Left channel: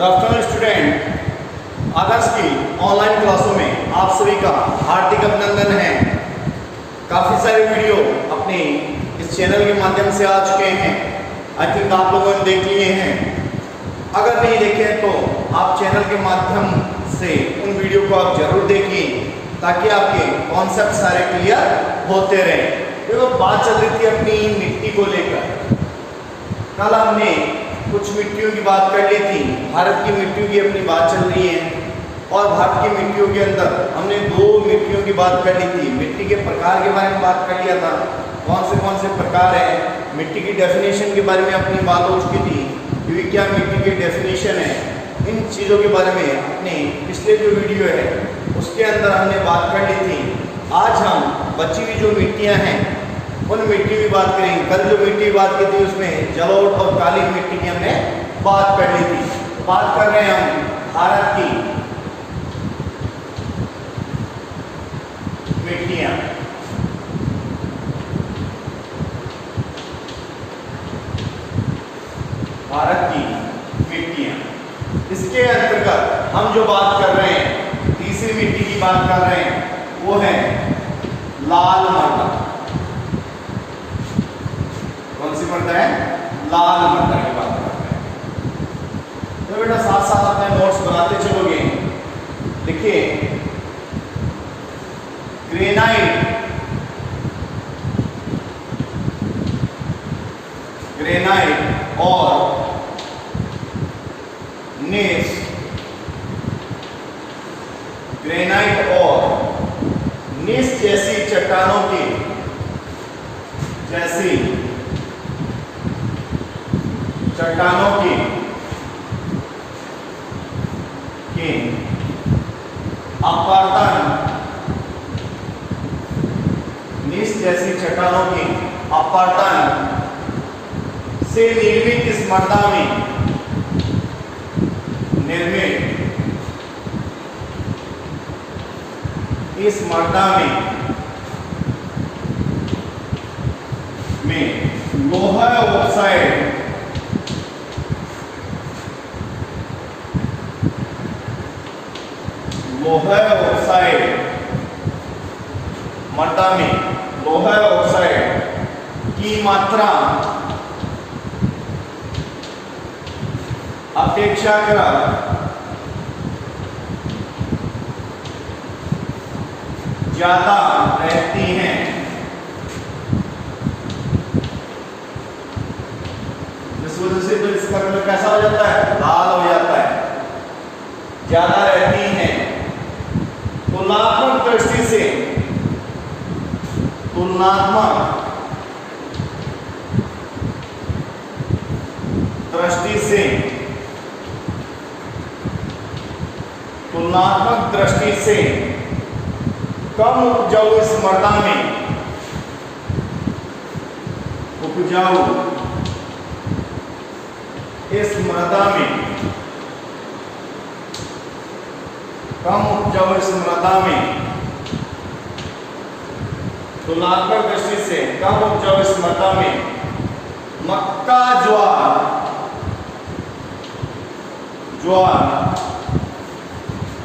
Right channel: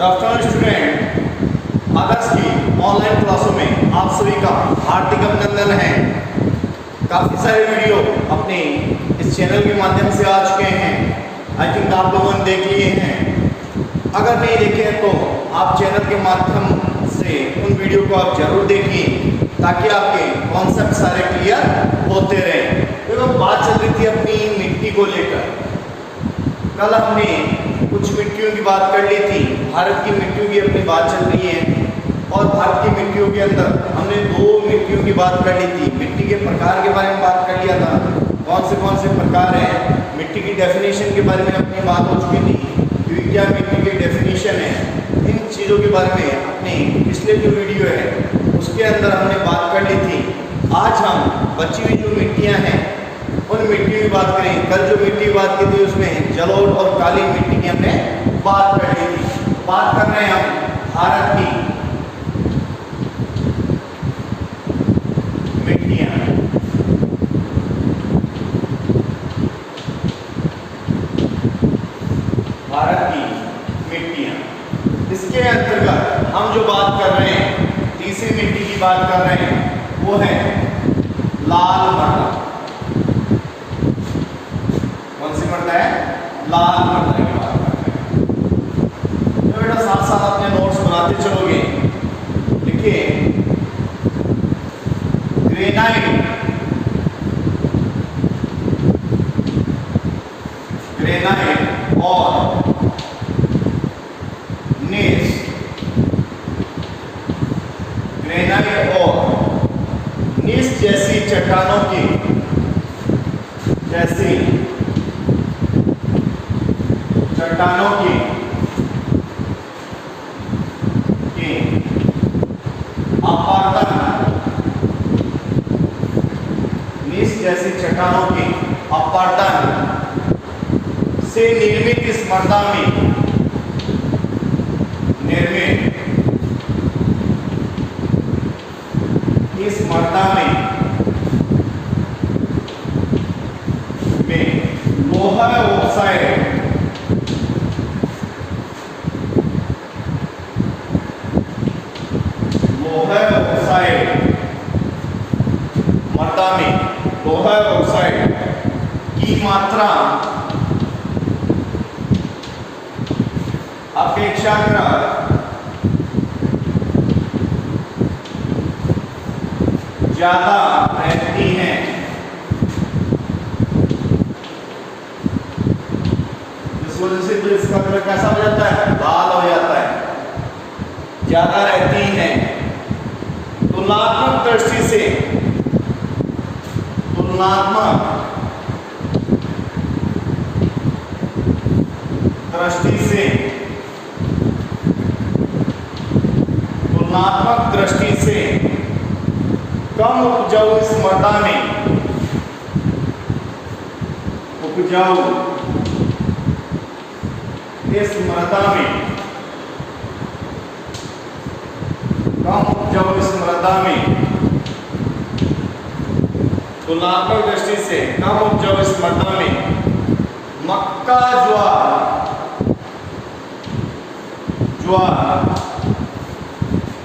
Good afternoon student. आदर्श की online क्लासों में आप सभी का हार्दिक अभिनंदन है। काफ़ी सारे वीडियो अपने इस चैनल के माध्यम से आ चुके हैं। आई थिंक आप लोगों ने देख लिए हैं। अगर नहीं देखे हैं तो आप चैनल के माध्यम से उन वीडियो को आप जरूर देखिए ताकि आपके कॉन्सेप्ट सारे क्लियर होते रहें। तो बात चल रही थी अपनी मिट्टी को लेकर। कल हमने कुछ मिट्टियों की बात कर ली थी। भारत की मिट्टियों की अपनी बात चल रही है और भारत की मिट्टियों के अंदर हमने दो मिट्टियों की बात कर ली थी। मिट्टी के प्रकार के बारे में बात कर लिया था, कौन से प्रकार हैं। मिट्टी की डेफिनेशन के बारे में अपनी बात हो चुकी थी क्योंकि क्या मिट्टी की डेफिनेशन है। इन चीज़ों के बारे में अपने पिछले जो वीडियो है उसके अंदर हमने बात कर ली थी। आज हम बची हुई जो मिट्टियाँ हैं उन मिट्टी की बात करेंगे। कल जो मिट्टी की बात की थी उसमें जलोढ़ और काली मिट्टी की हमने बात कर ली थी। बात कर रहे हैं हम भारत की मिट्टियां। भारत की मिट्टियां, इसके अंतर्गत हम जो बात कर रहे हैं, तीसरी मिट्टी की बात कर रहे हैं, वो है लाल मृदा। कौन सी मृदा है? लाल मृदा की बात करते हैं। तो बेटा साथ साथ अपने नोट्स बनाते चलोगे। देखिए, ग्रेनाइट, ग्रेनाइट और नेस, ग्रेनाइट और नेस जैसी चट्टानों की चट्टानों के अपरदन, नीस जैसी चट्टानों के अपरदन से निर्मित इस मृदा में लोहा ऑक्साइड, मृदा में लोहा ऑक्साइड की मात्रा अपेक्षाकृत ज्यादा रहती है। जिस वजह से तो इसका कलर कैसा हो जाता है? लाल हो जाता है, ज्यादा रहती है। तुलनात्मक दृष्टि से कम उपजाऊ इस मृदा में तुलनात्मक दृष्टि से कम उपजाऊ इस मृदा में मक्का, ज्वार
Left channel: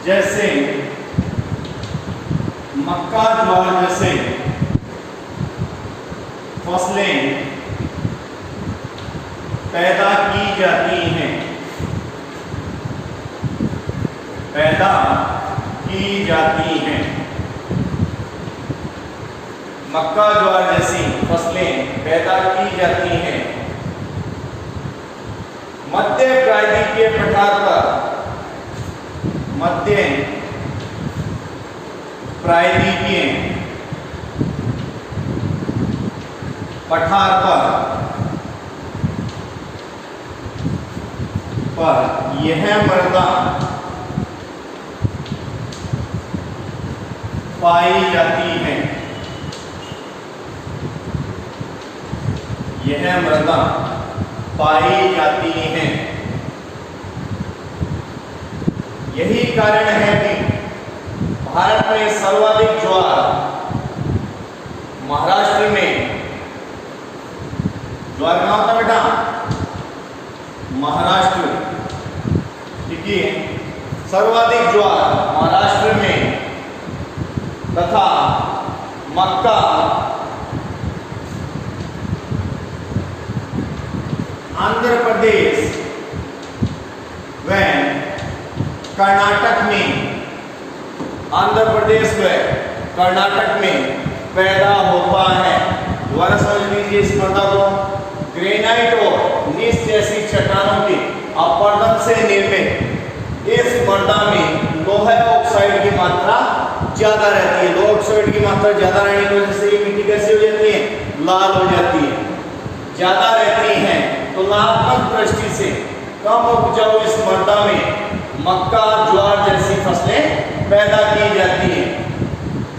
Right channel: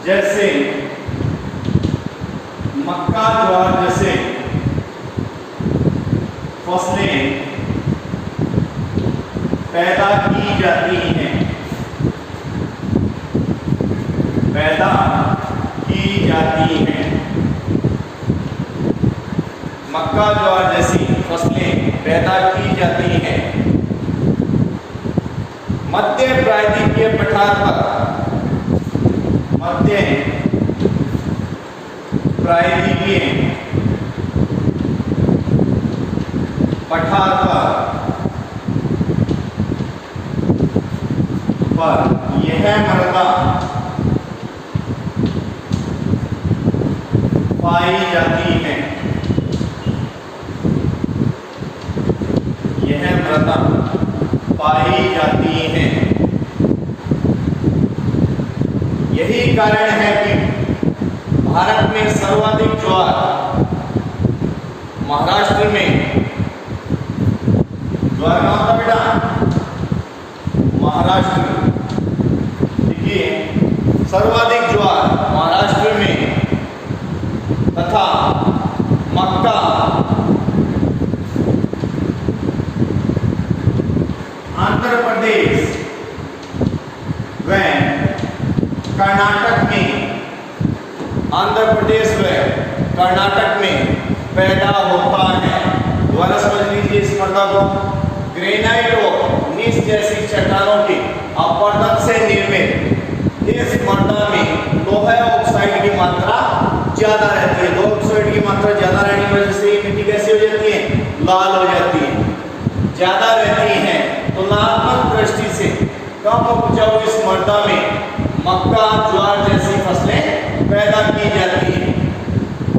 जैसे फसलें पैदा की जाती हैं। मक्का, ज्वार जैसी फसलें पैदा की जाती हैं। मध्य प्रायद्वीपीय पठार पर यह मृदा पाई जाती है। यही कारण है कि भारत में सर्वाधिक ज्वार महाराष्ट्र में, ज्वार कहाँ होता बेटा? महाराष्ट्र में। कि सर्वाधिक ज्वार महाराष्ट्र में तथा मक्का आंध्र प्रदेश व कर्नाटक में, आंध्र प्रदेश व कर्नाटक में पैदा होता है। दोबारा समझ लीजिए इस मृदा को। ग्रेनाइट और नीस जैसी चट्टानों के अपरदन से निर्मित इस मृदा में लोहा ऑक्साइड की मात्रा ज्यादा रहती है। लोहा ऑक्साइड की मात्रा ज्यादा रहने की वजह से ये मिट्टी कैसी हो जाती है? लाल हो जाती है, ज्यादा रहती है। तुलनात्मक दृष्टि से कम उपजाऊ इस मृदा में मक्का, ज्वार जैसी फसलें पैदा की जाती है।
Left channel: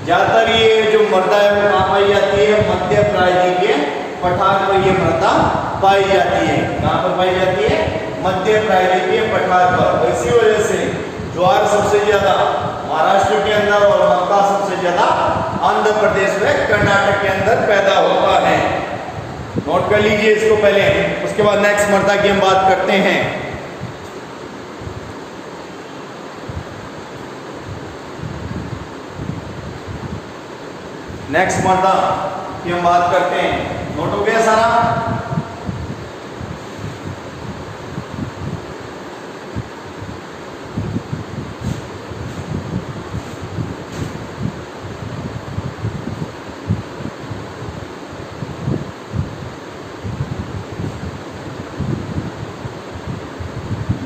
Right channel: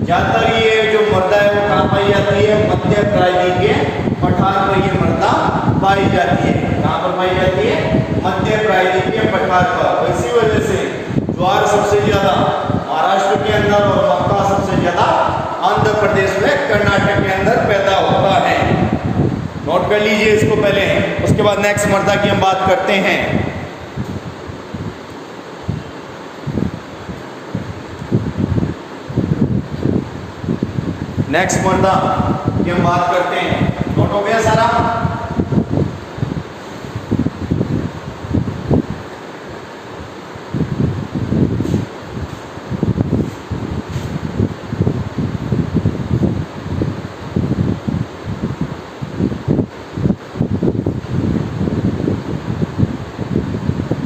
ज्यादातर ये जो मृदा है वो कहाँ पाई जाती है? मध्य प्रायद्वीपीय पठार पर ये मृदा पाई जाती है। कहाँ पर पाई जाती है? मध्य प्रायद्वीपीय पठार पर। इसी वजह से ज्वार सबसे ज्यादा महाराष्ट्र के अंदर और मक्का सबसे ज्यादा आंध्र प्रदेश में, कर्नाटक के अंदर पैदा होता है। नोट कर लीजिए इसको पहले, उसके बाद नेक्स्ट मृदा की हम बात करते हैं। नेक्स्ट मृदा की हम बात करते हैं। नोट हो गया सारा?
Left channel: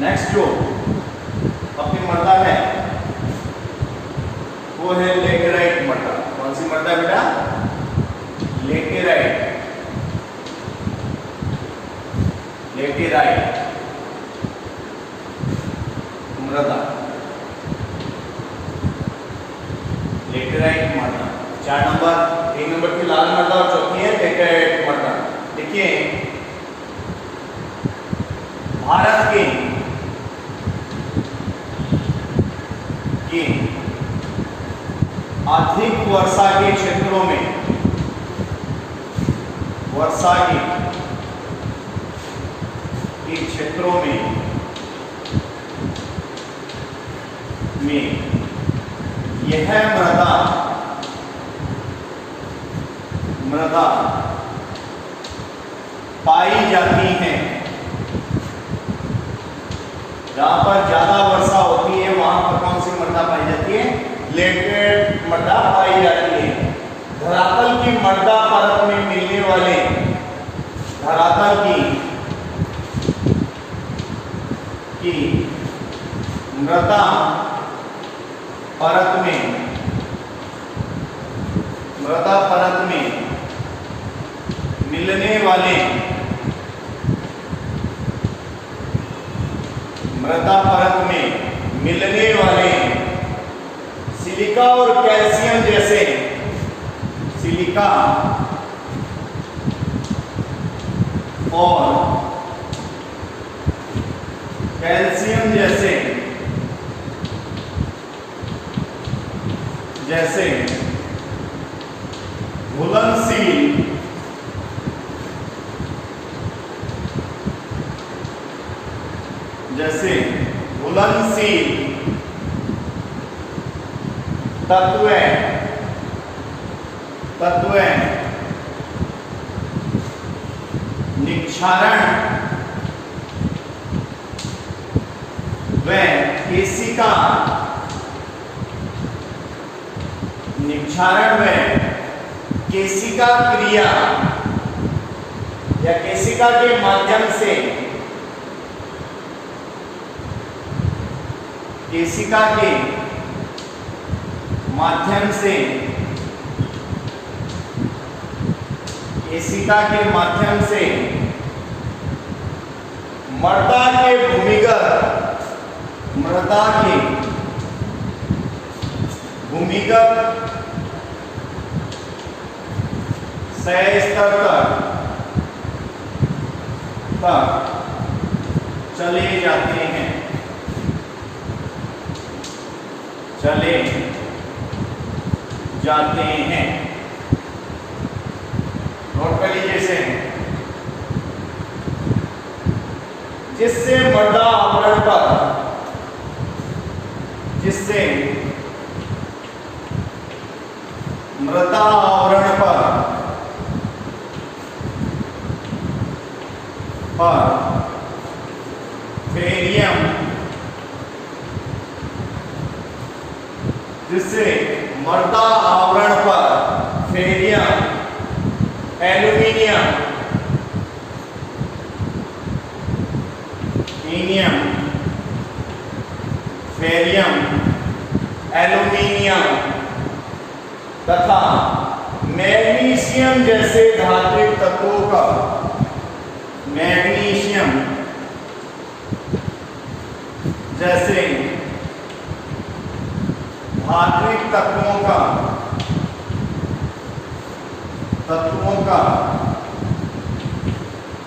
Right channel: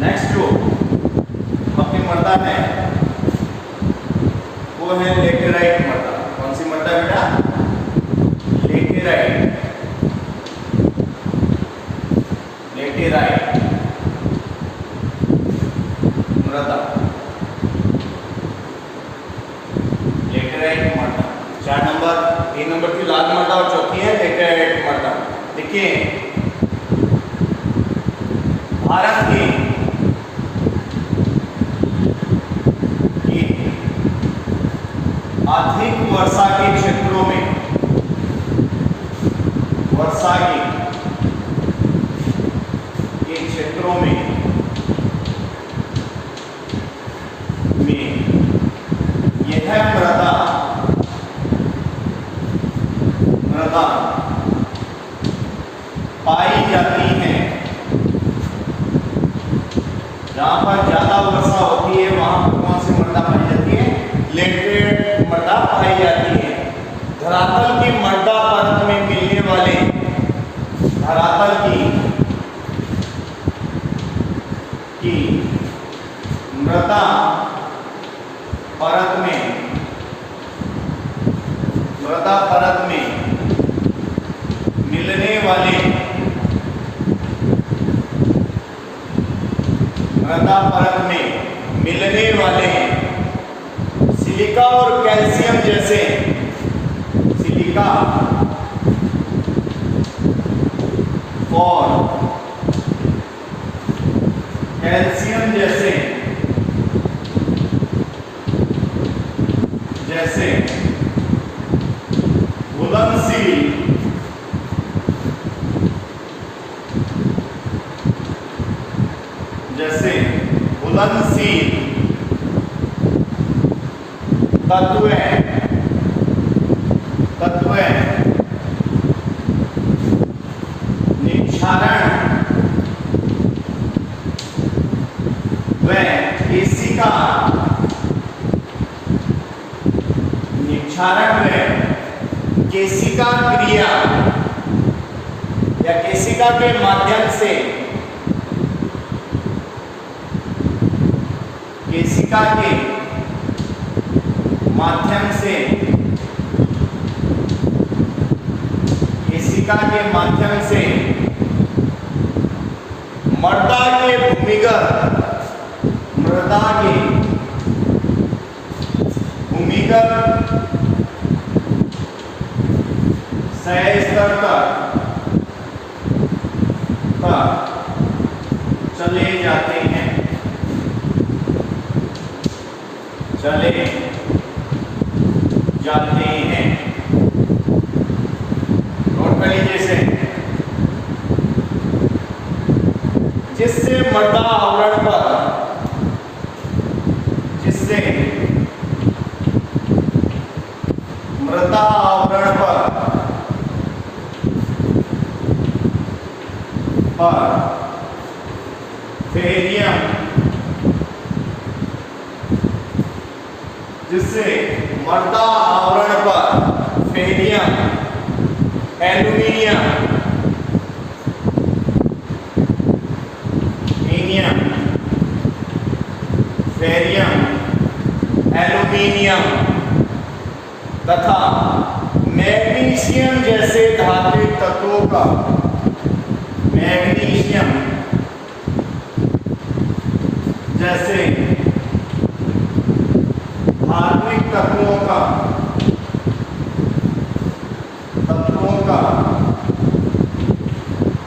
नेक्स्ट जो अपनी मृदा है वो है लेटेराइट मृदा। कौन सी मृदा बेटा? लेटेराइट। लेटेराइट मृदा, लेटेराइट मृदा। 4 नंबर, 3 नंबर की लाल मृदा और चौथी है लेटेराइट मृदा। देखिए भारत के अधिक वर्षा के क्षेत्रों में, वर्षा के क्षेत्रों में यह मृदा पाई जाती है। जहां पर ज्यादा वर्षा होती है वहां पर कौन सी मृदा पाई जाती है? लेटेराइट मृदा पाई जाती है। धरातल की मृदा परत में मिलने वाले, धरातल की मृदा परत में, मृदा परत में मिलने वाले, मृदा परत में मिलने वाले सिलिका और कैल्शियम जैसे, सिलिका और कैल्शियम जैसे घुलनशील, जैसे घुलनशील तत्व निक्षारण व केशिका, निक्षारण व केशिका क्रिया या केशिका के माध्यम से, केशिका के माध्यम से, केशिका के माध्यम से मृदा के भूमिगत, मृदा के भूमिगत क्षय स्तर तक चले जाते हैं, चले जाते हैं। नोट कर लीजिए इसे। जिससे मृदा आवरण पर जिससे मृदा आवरण पर फेरियम, जिससे मृदा आवरण पर फेरियम, एल्यूमिनियम, फेरियम, एल्यूमिनियम तथा मैग्नीशियम जैसे धात्विक तत्वों का, मैग्नीशियम जैसे धात्विक तत्वों का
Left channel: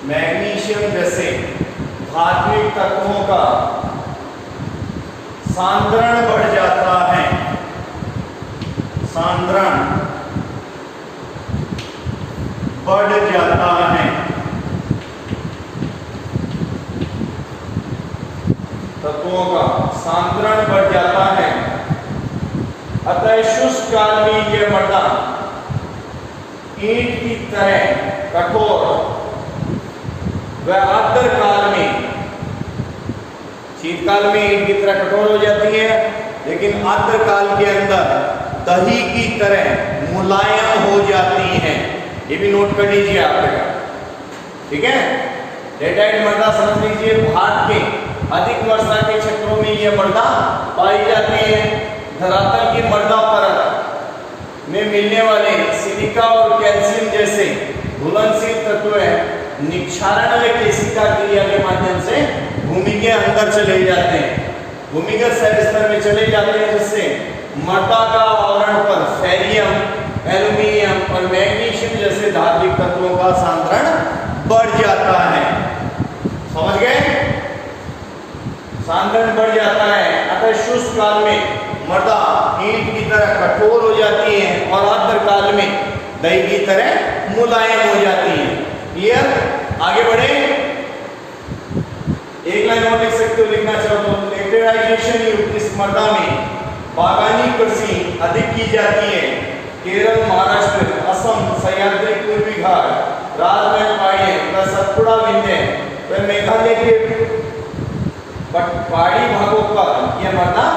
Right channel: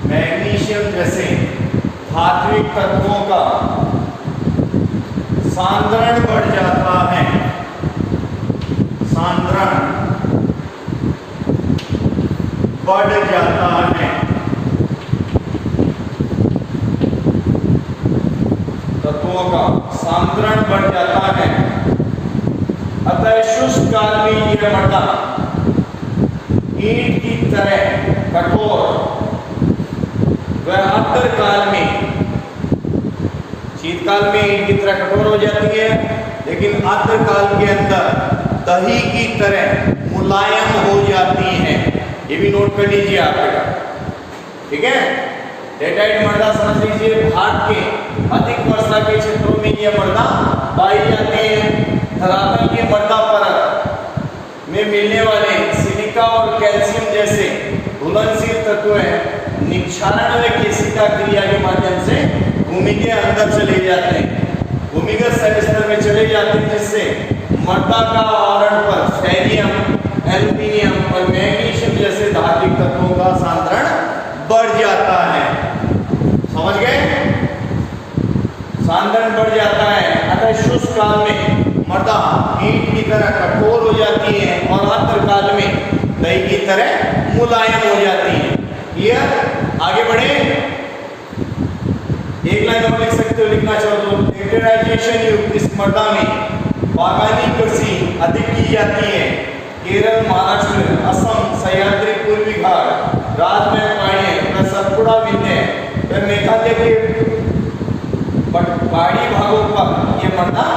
मैग्नीशियम जैसे धात्विक तत्वों का सांद्रण बढ़ जाता है, सांद्रण बढ़ जाता है। तत्वों का सांद्रण बढ़ जाता है। अतः शुष्क काल में यह मृदा ईंट की तरह कठोर व आर्द्र काल में, शीतकाल में ईंट की तरह कठोर हो जाती है, लेकिन आर्द्र काल के अंदर दही की तरह मुलायम हो जाती हैं। ये भी नोट कर लीजिए आप बेटा, ठीक है। लेटराइट मृदा समझ लीजिए, भारत के अधिक वर्षा के क्षेत्रों में यह मृदा पाई जाती है। धरातल की मृदा परत में मिलने वाले सिलिका और कैल्शियम जैसे घुलनशील तत्व निक्षारण व केशिका क्रिया के माध्यम से भूमि के अंदर चले जाते हैं, भूमिगत शैल स्तर में चले जाते हैं, जिससे मृदा का आवरण पर फेरियम, एल्यूमिनियम और मैग्नीशियम जैसे धात्विक तत्वों का सांद्रण बढ़ जाता है। समझ गए? सांद्रण बढ़ जाता है। अतः शुष्क काल में मृदा ईंट की तरह कठोर हो जाती है और आर्द्र काल में दही की तरह मुलायम हो जाती है। क्लियर? आगे बढ़े। एक लाइन और लिख सकते हो, लिखना चाहो तो। लेटराइजेशन युक्त इस मृदा में बागानी कृषि अधिक की जाती है। केरल, महाराष्ट्र, असम, सह्याद्री, पूर्वी घाट, राजमहल पहाड़ियां, सतपुड़ा, विंध्य व मेघालय के पहाड़ी भागों पर यह मृदा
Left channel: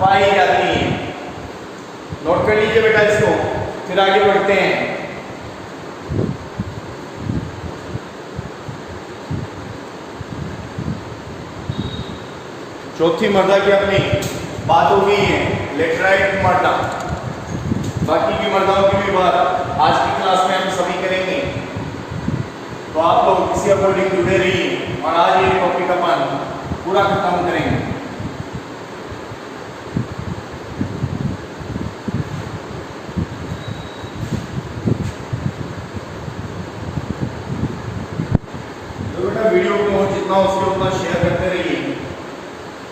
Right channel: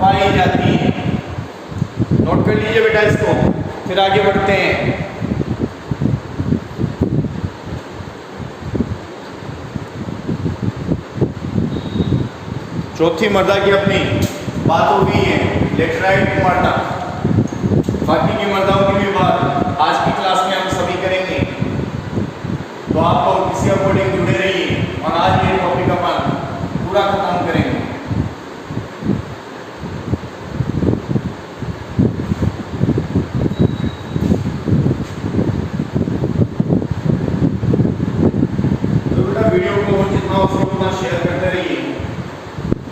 पाई जाती है। नोट कर लीजिए बेटा इसको, फिर आगे बढ़ते हैं। चौथी मृदा की अपनी बात हो गई है, लेटराइट मृदा। बाकी की मृदाओं की भी बात आज की क्लास में हम सभी करेंगे, तो आप लोग इसी अकॉर्डिंग जुड़े रहिए और आज ये टॉपिक अपन पूरा खत्म करेंगे। तो बेटा वीडियो को जितना हो सके उतना शेयर करते रहिए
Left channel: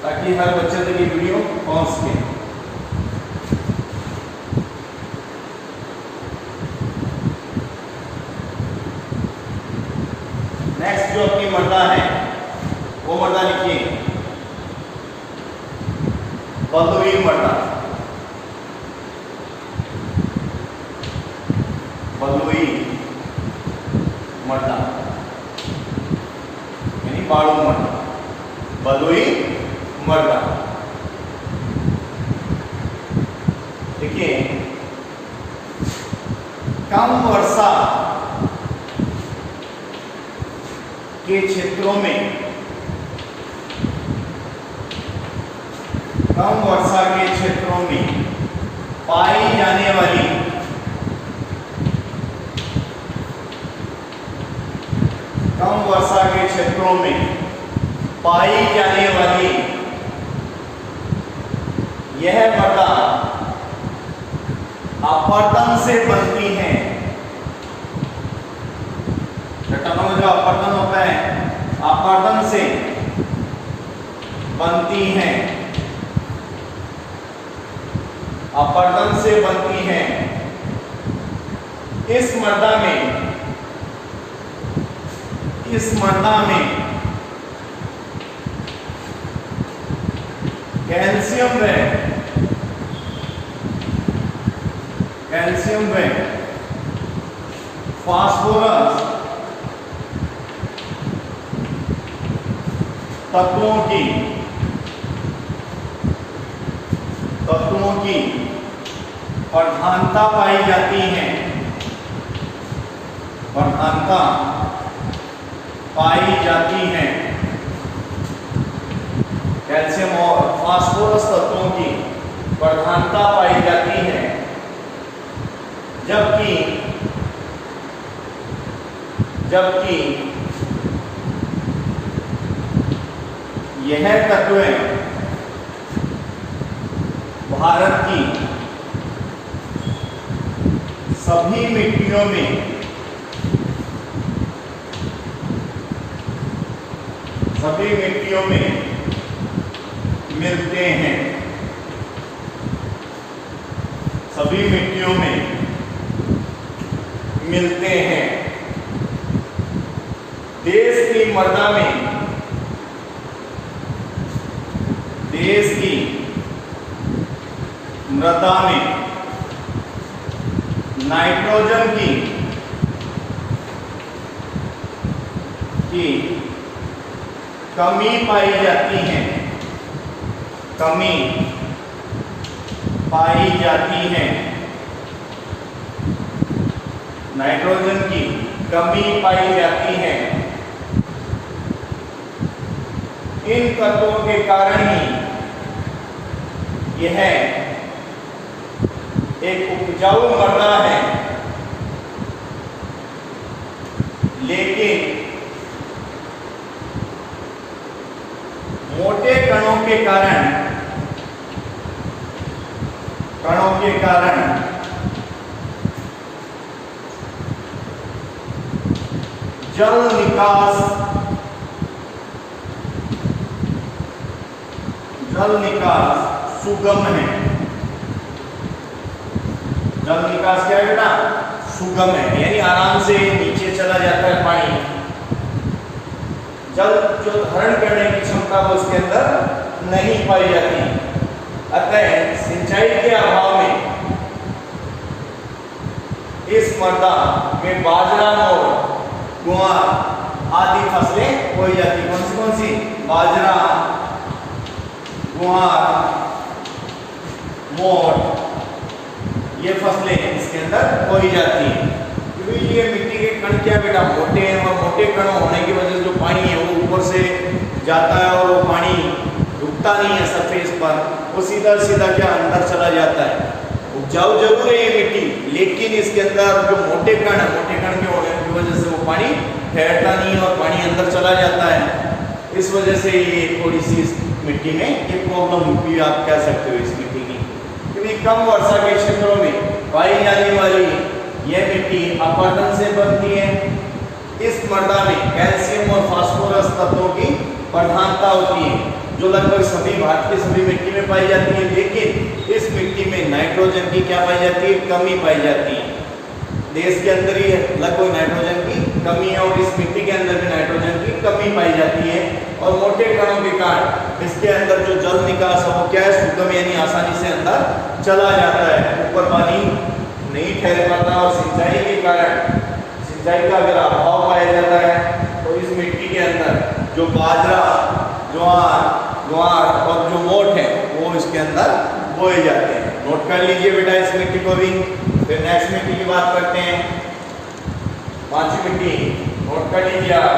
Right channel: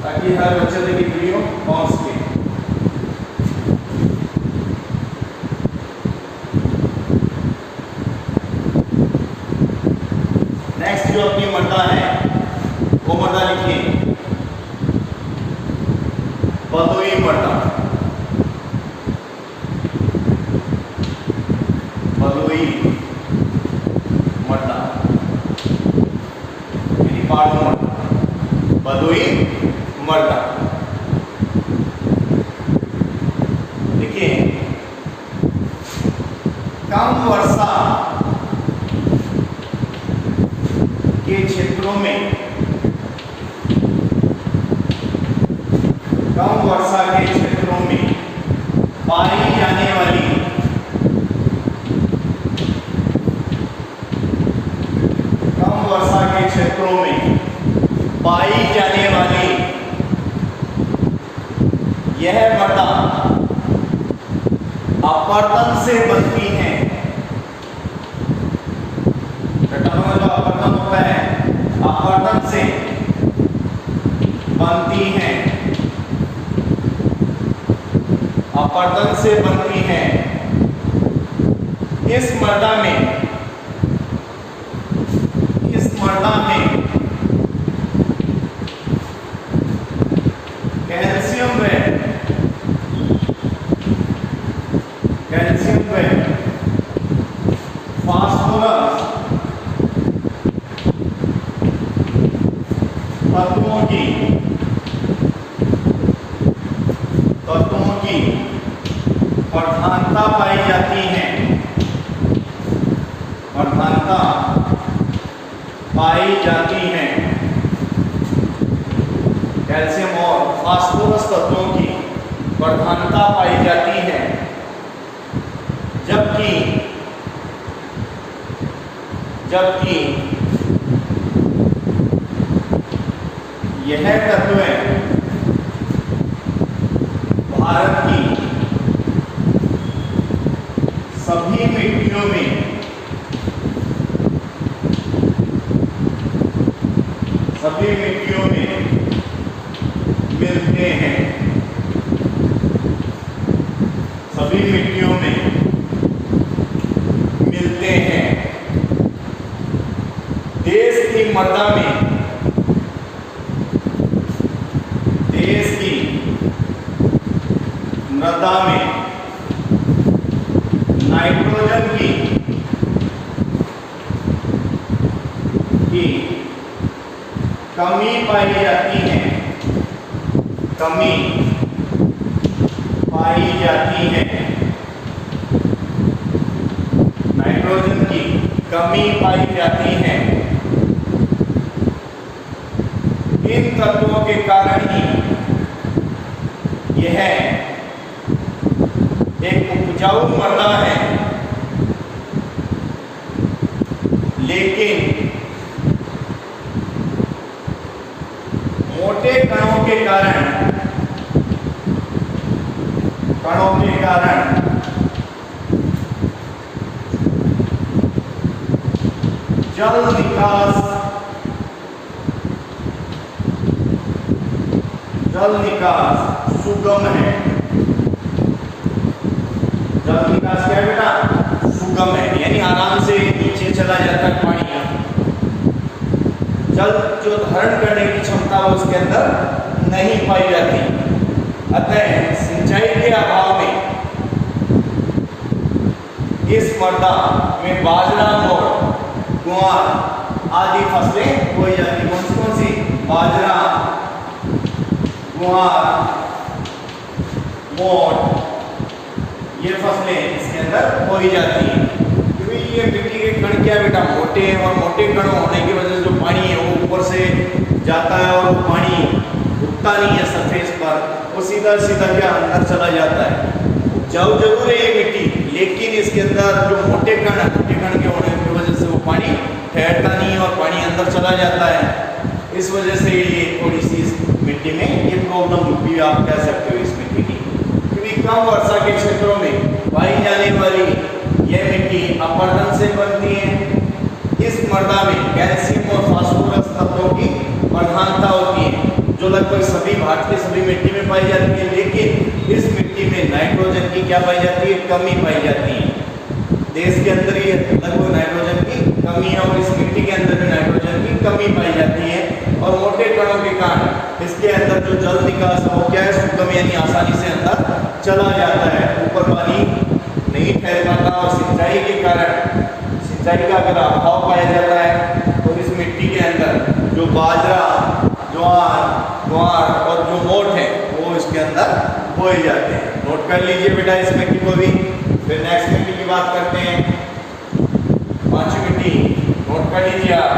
ताकि हर बच्चे तक ये वीडियो पहुंच सके। नेक्स्ट जो अपनी मृदा है वो मृदा लिखिए बलुई मृदा। बलुई मृदा यानी बालू मृदा, बलुई मृदा। देखिए, कम वर्षा के क्षेत्रों में, कम वर्षा के क्षेत्रों में पाई जाने वाली कम वर्षा के क्षेत्रों में पाई जाने वाली यह मृदा अपरदन से बनती है। घटनाओं में जो अपरदन होता है, अपरदन से बनती है, अपरदन से बनती है। इस मृदा में कैल्शियम व कैल्शियम व फास्फोरस तत्वों की प्रधानता पाई जाती है, प्रधानता पाई जाती है। कैल्शियम और फास्फोरस तत्वों की प्रधानता पाई जाती है, जबकि यह तत्वें भारत की सभी मिट्टियों में मिलते हैं, सभी मिट्टियों में मिलते हैं। देश की मृदा में नाइट्रोजन की कमी पाई जाती है, नाइट्रोजन की कमी पाई जाती है। इन तत्वों के कारण ही यह एक उपजाऊ मृदा है, लेकिन मोटे कणों के कारण जल निकास सुगम है। जल निकास क्या है बेटा? सुगम है, यानी आराम से नीचे चला जाता है पानी। जल जो धारण करने की क्षमता है उसके अंदर नहीं पाई जाती। अतः सिंचाई के अभाव में इस मृदा में बाजरा और ज्वार आदि फसलें बोई जाती। कौन सी? बाजरा, ज्वार, मोठ, ये फसलें इसके अंदर बोई जाती हैं। क्योंकि ये मिट्टी के कण क्या बेटा? मोटे हैं, और मोटे कण होने की वजह से जो पानी है वो ऊपर से जाता है और वो पानी रुकता नहीं है सरफेस पर, वो सीधा क्या अंदर चला जाता है। उपजाऊ जरूर है ये मिट्टी, लेकिन इसके अंदर जो मोटे कण के होने की वजह से वो पानी ठहरता नहीं है और पानी अंदर चला जाता है। इस वजह से ये थोड़ी सी इस मिट्टी में ये प्रॉब्लम भी आप कह सकते हो इस मिट्टी की। क्योंकि कम वर्षा के क्षेत्रों में पाई जाने वाली यह मिट्टी अपरदन से बनती है। इस मृदा में कैल्शियम और फास्फोरस तत्वों की प्रधानता होती है, जो लगभग सभी भारत के सभी मिट्टी में पाई जाती है, लेकिन इस मिट्टी में नाइट्रोजन की क्या पाई जाती है? कमी पाई जाती है। देश के अंदर ही लगभग नाइट्रोजन की कमी है और इस मिट्टी के अंदर भी नाइट्रोजन की कमी पाई जाती है। और मोटे कणों के कारण इसके अंदर जो जल निकास है वो क्या है? सुगम, यानी आसानी से अंदर चला जाता है, ऊपर पानी नहीं ठहर पाता। और सिंचाई के कारण सिंचाई का अगर अभाव पाया जाता है तो इस मिट्टी के अंदर जो बाजरा, ज्वार और जो मोठ है वो इसके अंदर बोए जाते हैं। नोट कर लीजिए बेटा इस मिट्टी को भी। फिर नेक्स्ट मिट्टी की बात करते हैं। पांचवी मिट्टी नोट कर लीजिए आप।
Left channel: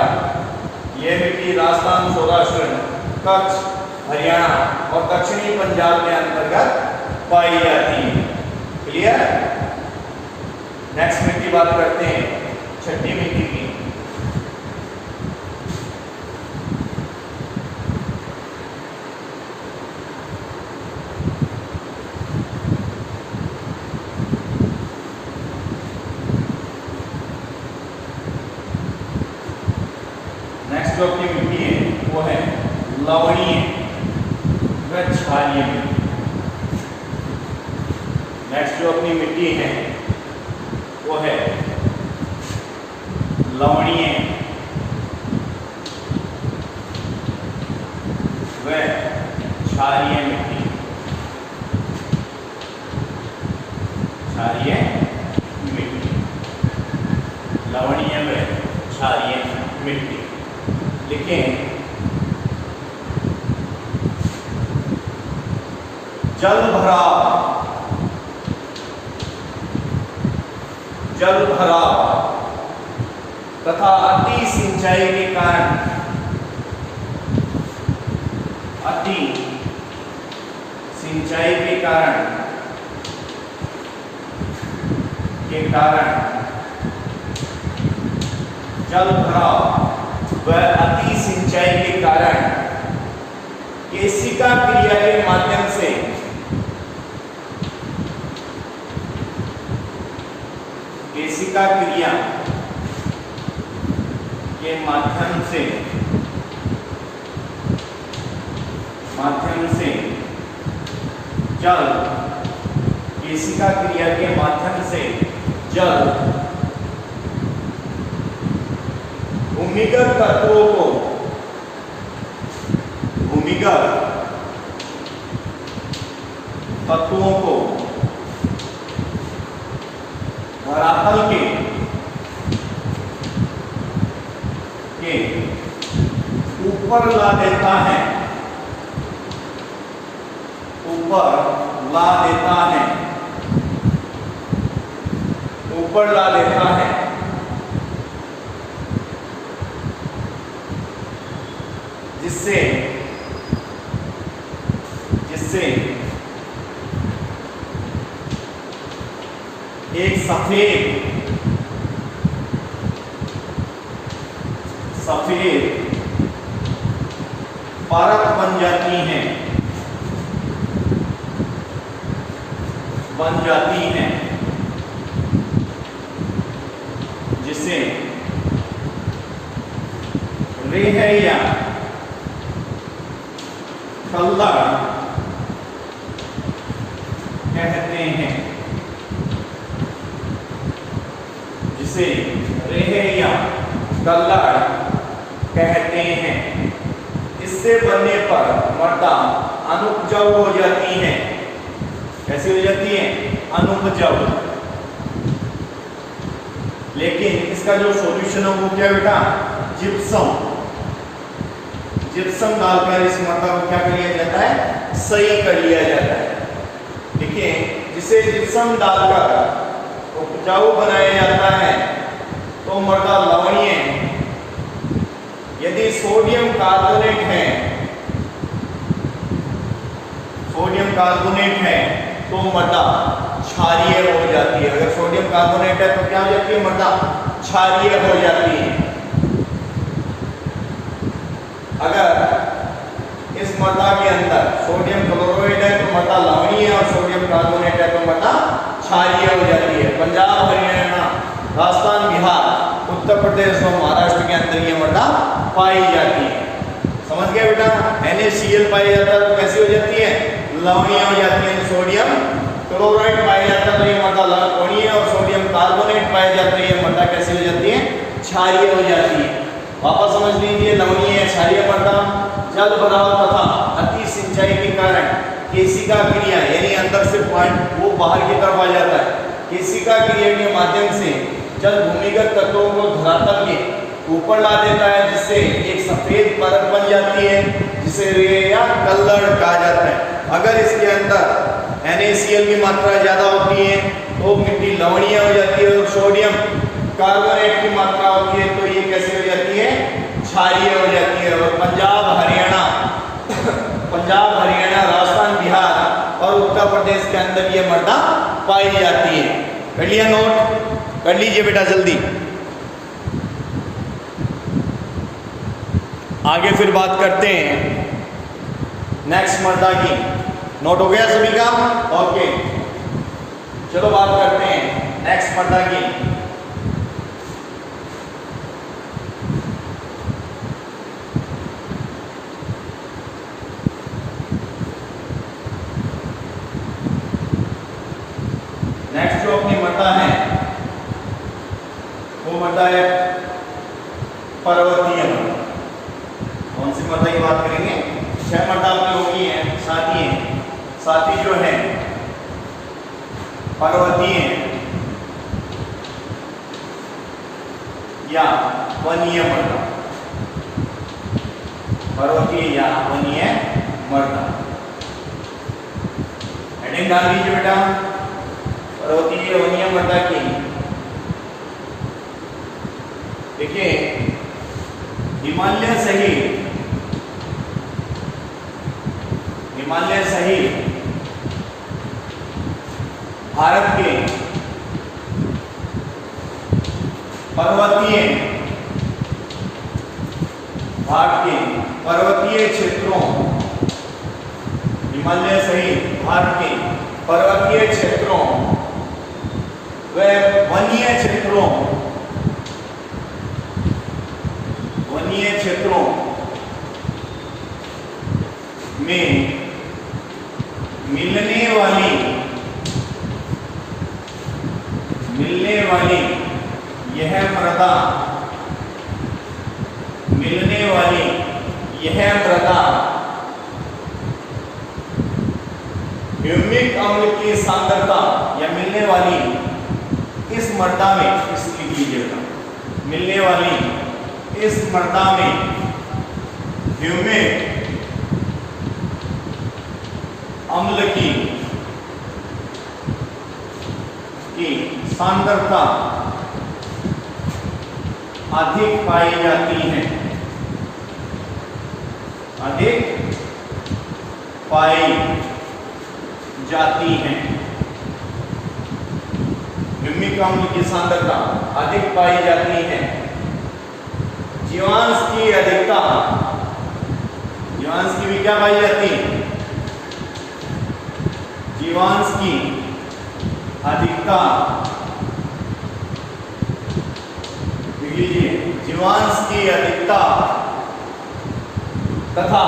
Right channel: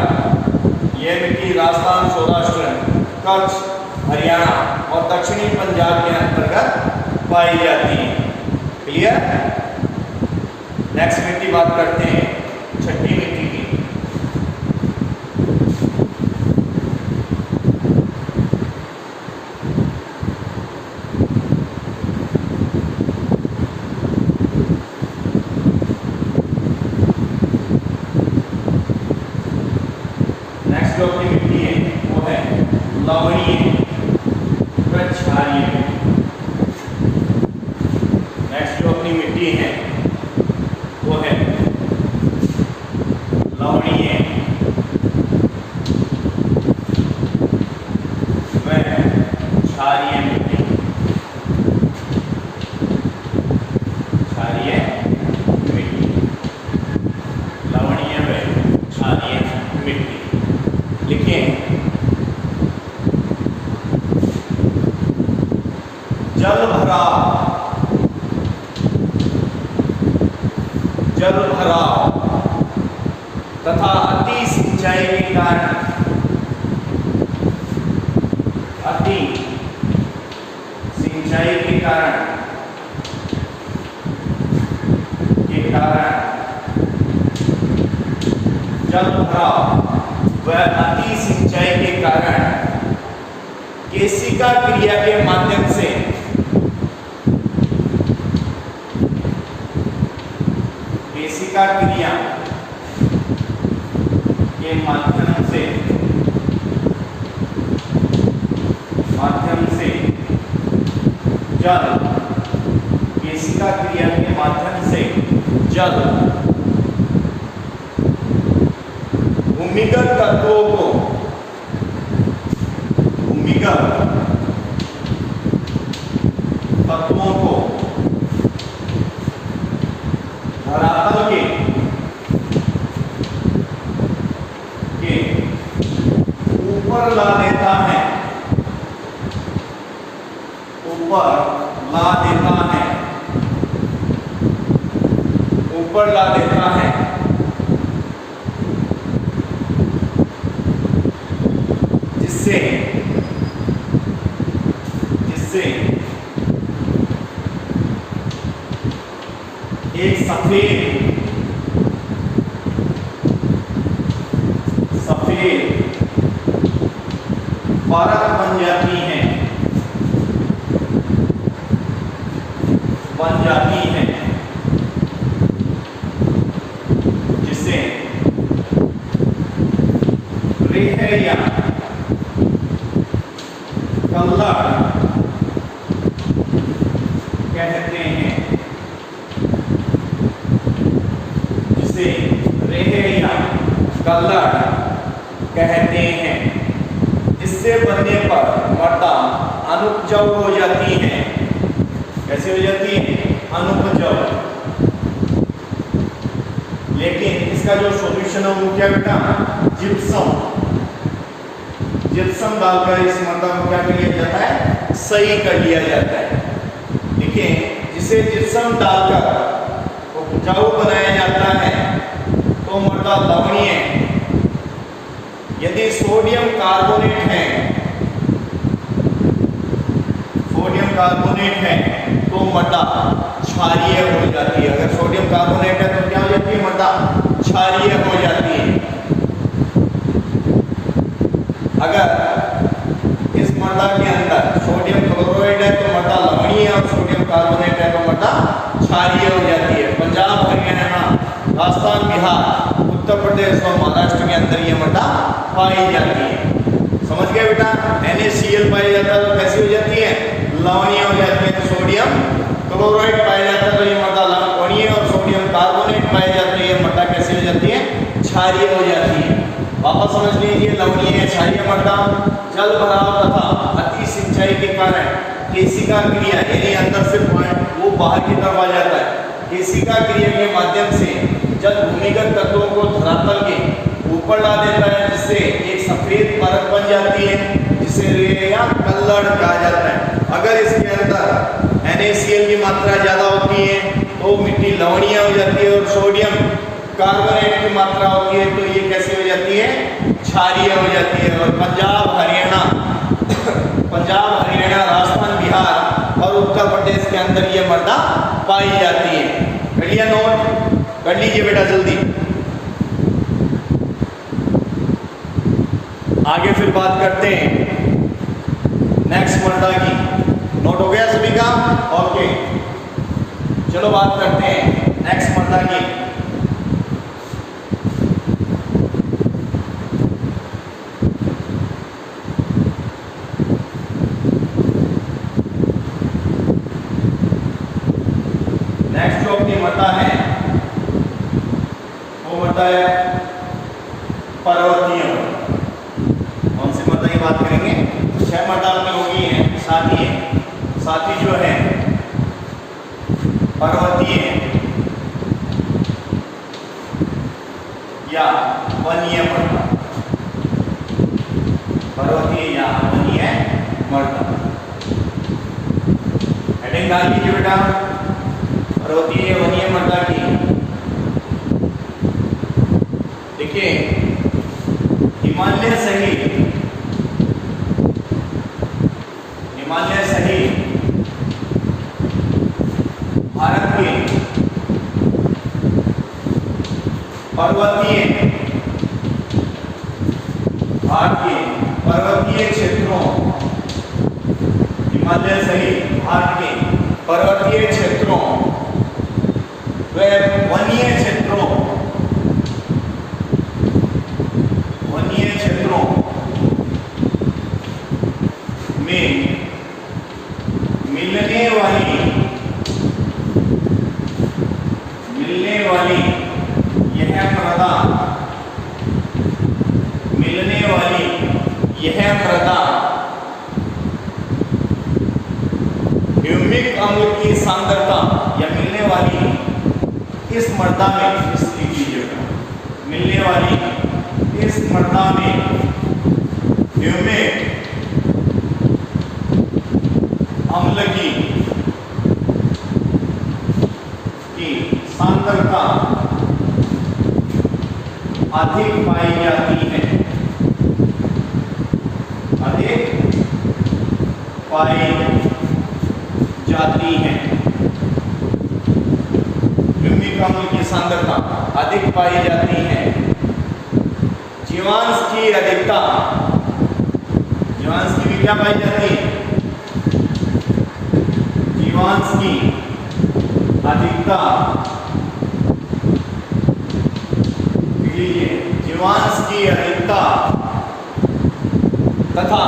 ये मिट्टी राजस्थान, सौराष्ट्र, कच्छ, हरियाणा और दक्षिणी पंजाब के अंतर्गत पाई जाती है। क्लियर? नेक्स्ट मिट्टी बात करते हैं छठी मिट्टी की। नेक्स्ट जो अपनी मिट्टी है वो है लवणीय व क्षारीय। नेक्स्ट जो अपनी मिट्टी है वो है लवणीय व क्षारीय मिट्टी। क्षारीय जल भराव, जल भराव तथा अति सिंचाई के कारण, अति सिंचाई के कारण जल भराव व अति सिंचाई के कारण केशिका क्रिया के माध्यम से केशिका क्रिया के माध्यम से जल, केशिका क्रिया के माध्यम से जल भूमिगत तत्वों को, भूमिगत तत्वों को धरातल के ऊपर ला देता है, ऊपर ला देता है, ऊपर ला देता है, जिससे एक सफेद परत बन जाती है, जिसे रेह या कल्लड़ कहते हैं, जिसे रेह या कल्लड़ कहते हैं। इससे बनने पर मृदा अनुपजाऊ हो जाती है। कैसे हो जाती है? अनुपजाऊ। लेकिन इसका जो सॉल्यूशन है वो क्या बेटा? जिप्सम। जिप्सम डालकर इस मृदा को क्या कर लिया जाता है? सही कर लिया जाता है। देखिए, जिसे जिप्सम डालकर उपजाऊ बनाया जाता है तो मृदा लवणीय, यदि सोडियम कार्बोनेट है, सोडियम कार्बोनेट है तो मृदा क्षारीय हो जाती है। अगर सोडियम कार्बोनेट है तो क्या हो जाती है? मृदा क्षारीय हो जाती है। अगर इस मृदा के अंदर सोडियम क्लोराइड है तो मृदा लवणीय है, और सोडियम कार्बोनेट है तो मृदा क्षारीय हो जाती है। पंजाब, हरियाणा, राजस्थान, बिहार, उत्तर प्रदेश और महाराष्ट्र के अंदर ये मृदा पाई जाती है। समझ गए बेटा? NaCl पाया जाता है तो कैसी हो जाती है? लवणीय हो जाती है। सोडियम क्लोराइड पाया जाता है तो ये मृदा लवणीय, और सोडियम कार्बोनेट पाया जाता है ये मृदा कैसी हो जाती है? क्षारीय हो जाती है। वापस समझ लीजिए, लवणीय क्षारीय मृदा जल भराव तथा अति सिंचाई के कारण केशिका क्रिया, यानी अंदर से पॉइंट वो बाहर की तरफ आ जाता है। केशिका क्रिया के माध्यम से जल भूमिगत तत्वों को धरातल के ऊपर ला देता है, जिससे एक सफेद परत बन जाती है, जिसे रेह या कल्लड़ कहा जाता है। अगर इसके अंदर NaCl की मात्रा ज्यादा होती है तो मिट्टी लवणीय हो जाती है, और सोडियम कार्बोनेट की मात्रा होती है तो ये कैसे हो जाती है? क्षारीय हो जाती है। और पंजाब, हरियाणा, राजस्थान, बिहार और उत्तर प्रदेश के अंदर ये मृदा पाई जाती है। कर लिया नोट? कर लीजिए बेटा जल्दी। आगे फिर बात करते हैं नेक्स्ट मृदा की। नोट हो गया सभी का? ओके, चलो बात करते हैं नेक्स्ट मृदा की। नेक्स्ट जो अपनी मृदा है वो मृदा है पर्वतीय मृदा। कौन सी मृदा की बात करेंगे? 6 मृदा अपनी होगी है। साथी जो है पर्वतीय या वनीय मृदा, पर्वतीय या वनीय मृदा। हेडिंग डाल लीजिए बेटा, पर्वतीय वनीय मृदा की। देखिए हिमालय सहित भारत के पर्वतीय क्षेत्रों, हिमालय सहित भारत के पर्वतीय क्षेत्रों व वनीय क्षेत्रों में मिलने वाली यह मृदा ह्यूमिक अम्ल की सांद्रता, या मिलने वाली इस मृदा में, इस लिख लीजिएगा, मिलने वाली इस मृदा में ह्यूमिक अम्ल की सांद्रता अधिक पाई जाती है, ह्यूमिक अम्ल की सांद्रता अधिक पाई जाती है। जीवांश की अधिकता, जीवांश की भी क्या पाई जाती है? जीवांश की अधिकता, जीवांश की अधिकता तथा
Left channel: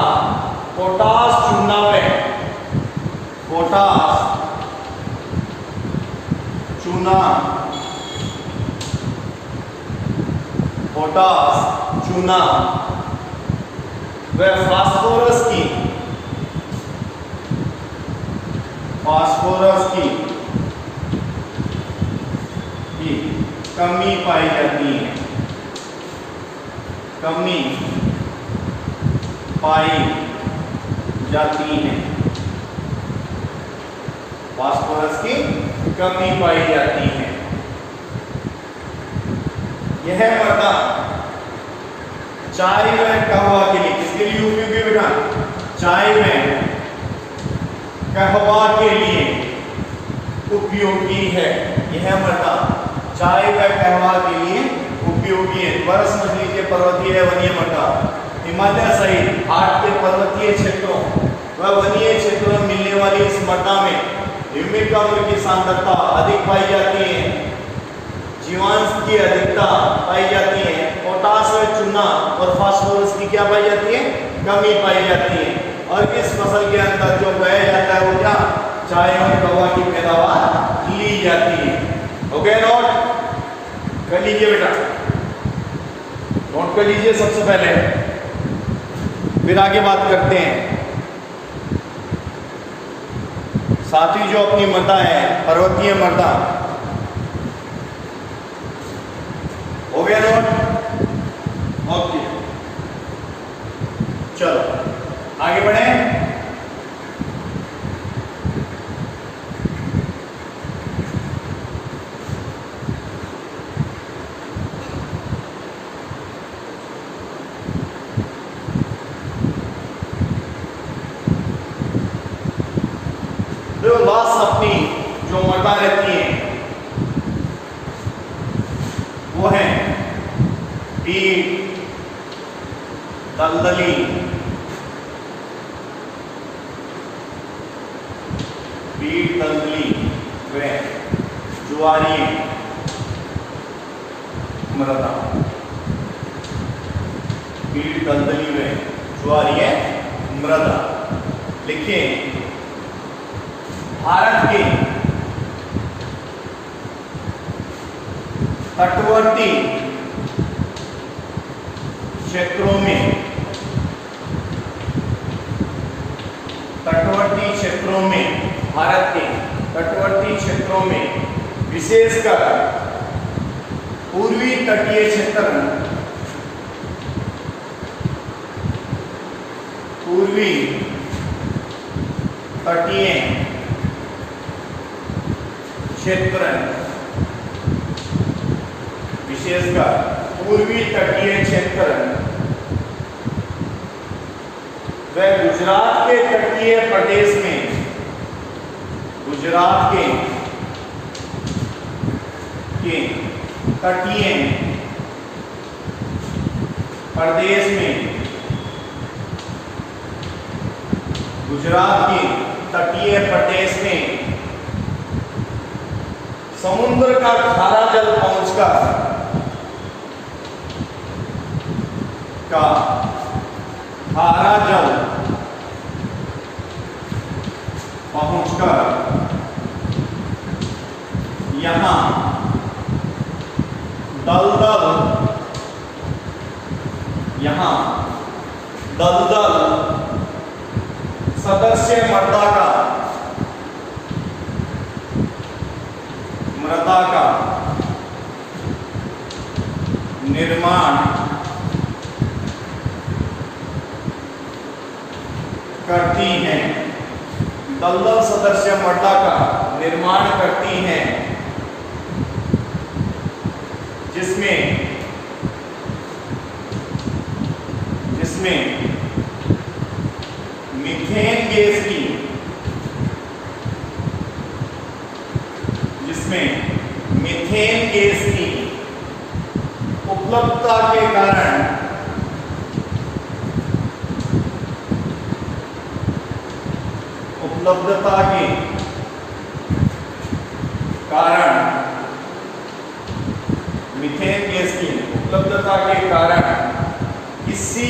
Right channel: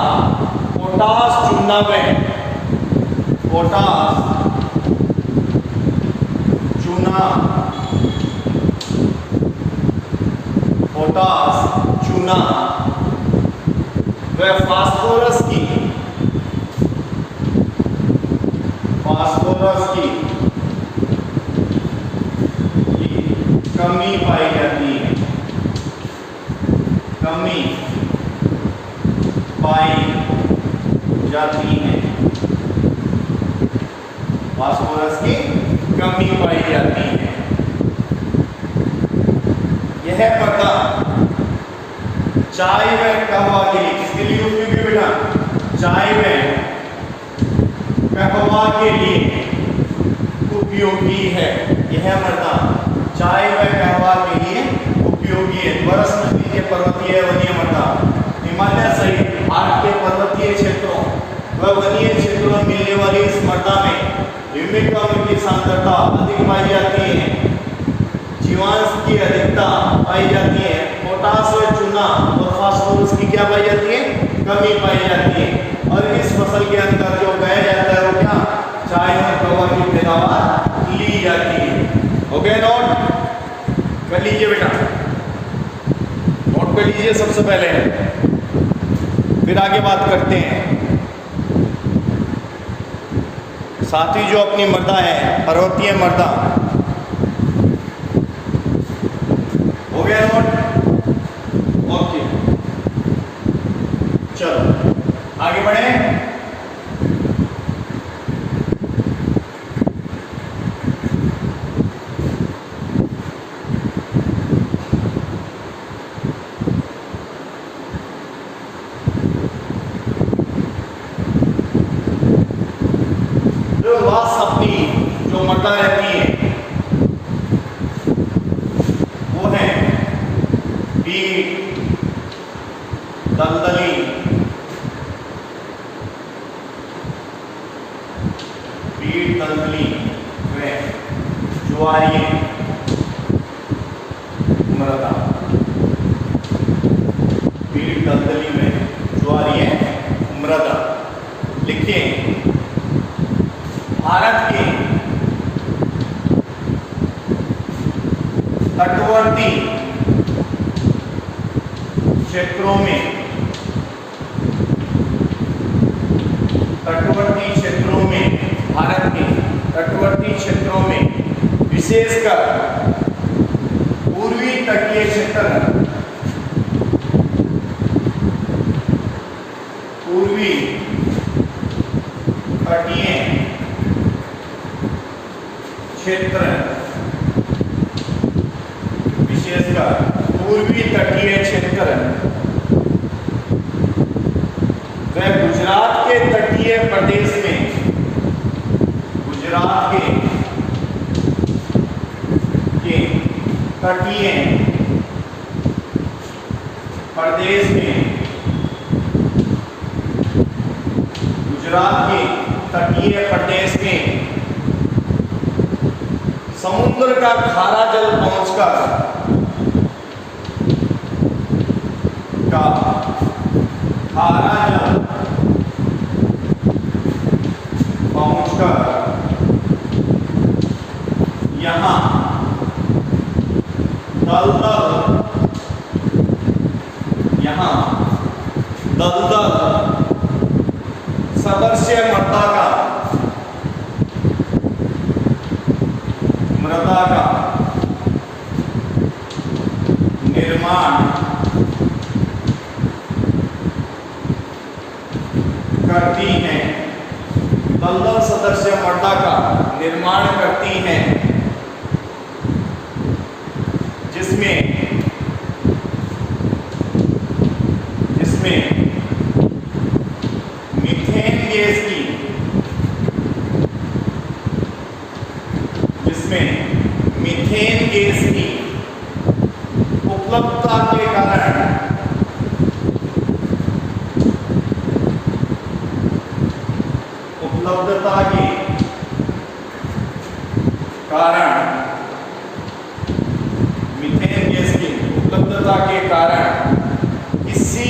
पोटास चूना व फास्फोरस की कमी पाई जाती है, फास्फोरस की कमी पाई जाती है। यह मृदा चाय व कहवा के लिए, किसके लिए उपयोगी बेटा? चाय व कहवा के लिए उपयोगी है। यह मृदा चाय व कहवा के लिए उपयोगी है। दोबारा समझ लीजिए, पर्वतीय वनीय मृदा हिमालय सहित भारत के पर्वतीय क्षेत्रों व वनीय क्षेत्रों में मिलने वाली इस मृदा में ह्यूमिक अम्ल की सांद्रता अधिक पाई जाती है, जीवांश की अधिकता पाई जाती है, पोटास व चूना और फास्फोरस की क्या पाई जाती है? कमी पाई जाती है। और इस फसल के अंदर जो उगाया जाता है वो क्या? चाय और कहवा की पैदावार ली जाती है। हो गया नोट? कर लीजिए बेटा, नोट कर लीजिए सबसे पहले, फिर आगे बात करते हैं। साथ ही जो अपनी मृदा है, पर्वतीय मृदा, हो गया नोट? ओके, चलो आगे बढ़े। लास्ट अपनी जो मृदा रहती है वो है पीट, दलदली, व ज्वारीय मृदा। पीट, दलदली व ज्वारीय मृदा। लिखिए, भारत के तटवर्ती क्षेत्रों में भारत के तटवर्ती क्षेत्रों में विशेषकर पूर्वी तटीय क्षेत्र, क्षेत्र विशेषकर पूर्वी तटीय क्षेत्र व गुजरात के तटीय प्रदेश में, गुजरात के तटीय प्रदेश में, गुजरात के तटीय प्रदेश में समुद्र का खारा जल पहुंचकर यहाँ दलदल सदस्य मृदा का निर्माण करती हैं, दलदल सदस्य मृदा का निर्माण करती हैं, जिसमें मीथेन गैस की उपलब्धता के कारण मीथेन गैस की उपलब्धता के कारण किसी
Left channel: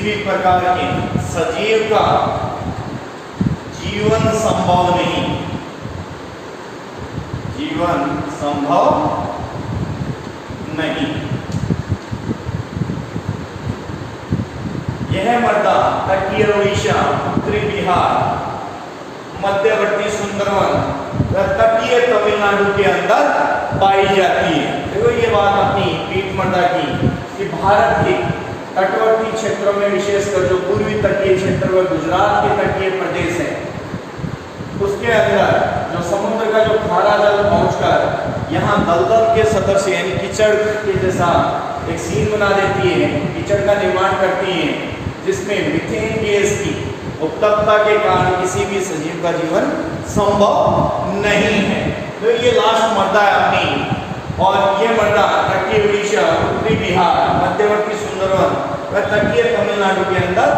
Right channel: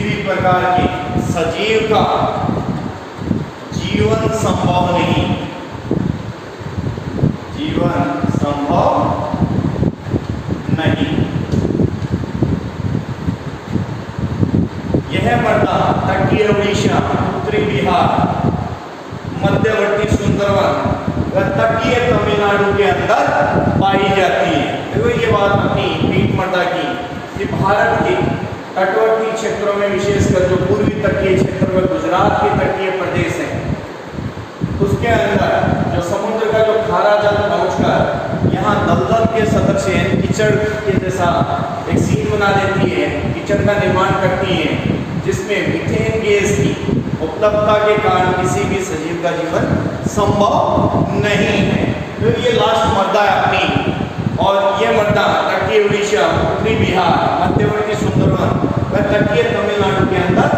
भी प्रकार के सजीव का जीवन संभव नहीं। यह मृदा तटीय उड़ीसा, उत्तरी बिहार, मध्यवर्ती सुंदरवन व तटीय तमिलनाडु के अंदर पाई जाती है। देखो ये बात अपनी पीठ मृदा की कि भारत के तटवर्ती क्षेत्रों में, विशेषकर जो पूर्वी तटीय क्षेत्र व गुजरात के तटीय प्रदेश है, उसके अंदर जो समुद्र का जो खारा जल पहुंचकर यहाँ दलदल के सदस्य यानी कीचड़ के जैसा एक सीन बना देती है, कीचड़ का निर्माण करती है, जिसमें मीथेन गैस की उपलब्धता के कारण किसी भी सजीव का जीवन संभव नहीं है। तो ये लास्ट मृदा है अपनी, और ये मृदा तटीय उड़ीसा, उत्तरी बिहार, मध्यवर्ती सुंदरवन व तटीय तमिलनाडु के अंदर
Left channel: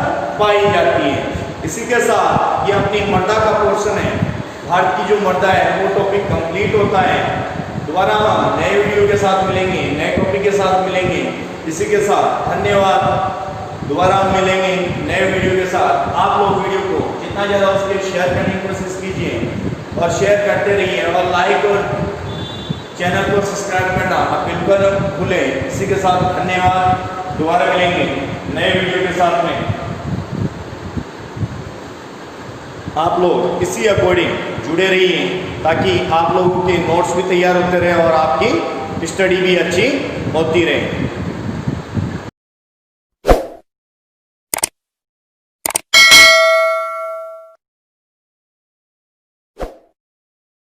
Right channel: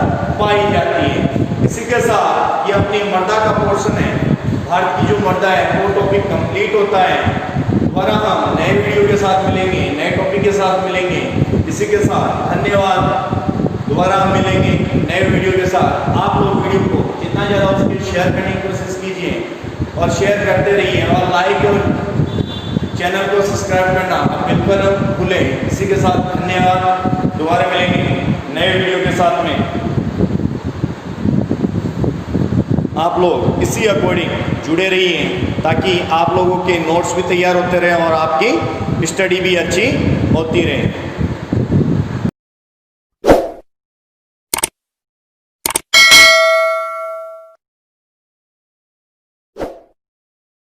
पाई जाती है। इसी के साथ ये अपनी मृदा का पोर्शन है, भारत की जो मृदा है वो टॉपिक कंप्लीट होता है। दोबारा हम नए वीडियो के साथ मिलेंगे, नए टॉपिक के साथ मिलेंगे। इसी के साथ धन्यवाद। दोबारा हम मिलेंगे नए वीडियो के साथ। आप लोग वीडियो को जितना ज़्यादा उसके शेयर करने की कोशिश कीजिए और शेयर करते रहिए, और लाइक और चैनल को सब्सक्राइब करना बिल्कुल भूलें। इसी के साथ धन्यवाद। दोबारा मिलेंगे नए वीडियो के साथ में। आप लोग इसी अकॉर्डिंग जुड़े रहिए ताकि आप लोगों के नोट्स भी तैयार होते रहे और आपकी स्टडी भी अच्छी होती रहे।